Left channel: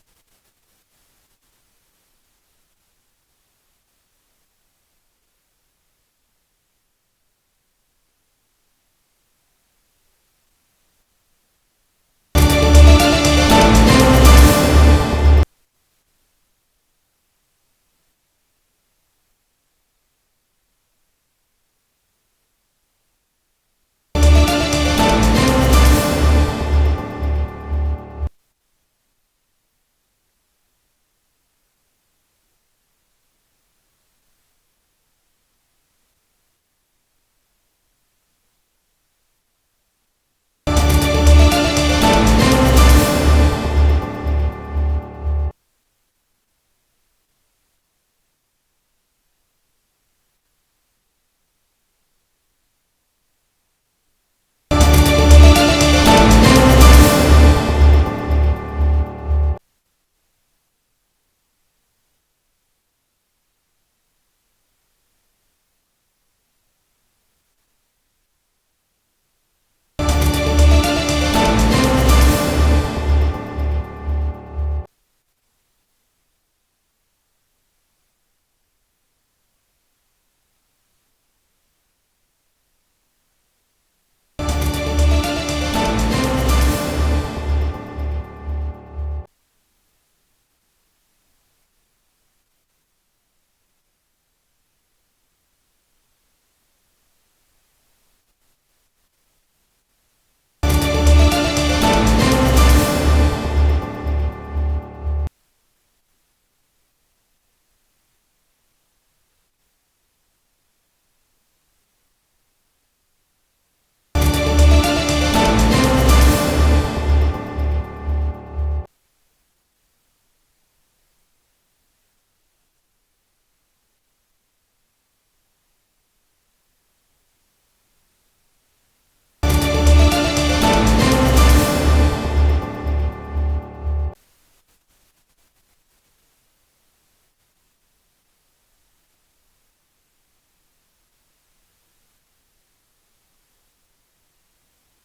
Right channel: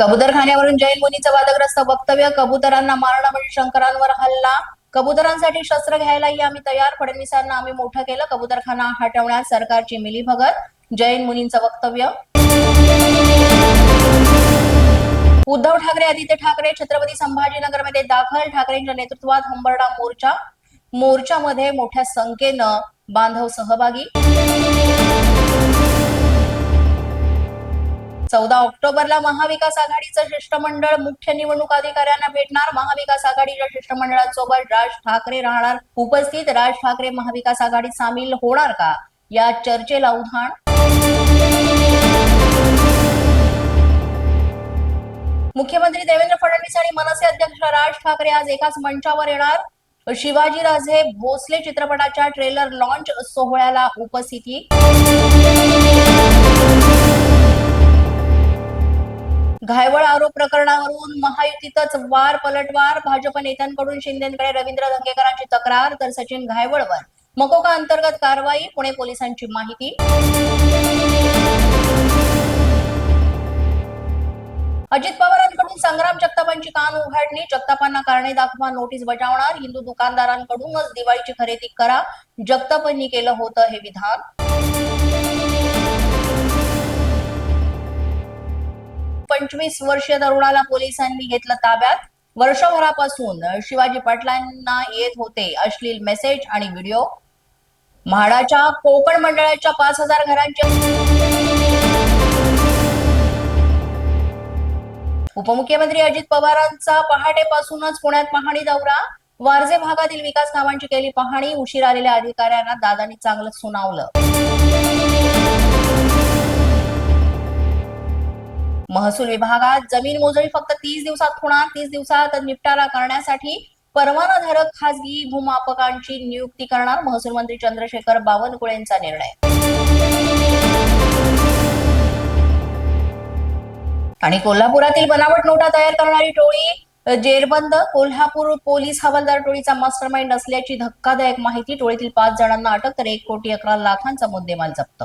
कबुतरखान्यावरून जैन मुनीचं वादग्रस्त वक्तव्य कबुतरांना मारणं म्हणजे शंकरांवर हल्ला. कबुतरांसाठी शस्त्र घ्यायलाही आम्ही तयार. फडणवीसांना आम्ही मोठं केलं. कबुतरखाना हटवण्यात सरकारची मिलीभगत. जैन मुनींचं वक्तव्य. उद्धव ठाकरे आदित्य ठाकरे छत्रपती संभाजीनगरमध्ये दाखल. ठाकरेंच्या नेतृत्वात हंबरडा मोर्चा. मोर्चामध्ये मोठ्या संख्येनं बांधव सहभागी. चौदा ऑक्टोबरला महाविकास आघाडीचं शिष्टमंडळ मुख्य निवडणूक अधिकाऱ्यांना भेटणार. महाविकास आघाडीच्या शिष्टमंडळासोबत राज ठाकरे राहणार. उपस्थित राज ठाकरे महाविकास आघाडीत सामील होणार का? या चर्चेला उधाण. मुख्यमंत्री देवेंद्र फडणवीस आणि मनसे अध्यक्ष राज ठाकरे आज एकाच मंचावर येणार. शिवाजीराजे भोसले चित्रपटाच्या ट्रेलर लॉन्च सोहळ्याला उपस्थिती. घायवळ आरोप प्रकरणावरून महायुतीतच वार पलटवार भाजप नेत्यांकडून शिंदेकडे रवींद्र धंगेकरांची तक्रार तर सचिन घायवळवर. मकोका अंतर्गत कारवाई पुणे पोलिसांची माहिती. अजित पवारांकडून संग्राम जगतापांची कान उघडणी जगतापांना कारणे दाखवा नोटीस बजावणार हिंदू दुकानदारांकडूनच दिवाळीची खरेदी करा जगतापांनी केलं होतं हे विधान. पंचवीस वर्षीय तरुणाला पोलिसांनी घेतलं ताब्यात. वर्षभरापासून शिवाजी पाटलांना येत होते अश्लील मेसेज आणि व्हिडिओ म्हाडाच्या कोकण मंडळाच्या पाच हजार घरांच्या उपमुख्यमंत्री अजित पवारांचा पहाटेपासूनच पुण्यात पाहणी दौरा. वारजे भागातील विकास कामांची केली पाहणी उशीर आलेल्या अधिकाऱ्यांना दादांनी चांगलं सुनावलं. महसूल विभागात जमीन मोजणी फक्त तीस दिवसात होणार तीस दिवसात निपटारा करण्यासाठी परवानाधारक खासगी भूमापकांची नियुक्ती करणार महसूल मंत्री चंद्रशेखर बावनकुळेंचा निर्णय. आणि कोल्हापुरातील बनावट नोटा तयार करणारी टोळी जेरबंद कोल्हापूर पोलीस हवालदार टोळीचा मास्टरमाइंड असल्याची धक्कादायक माहिती टोळीतील पाच जणांना अटक तर एक कोटी अकरा लाखांचा मुद्देमाल जप्त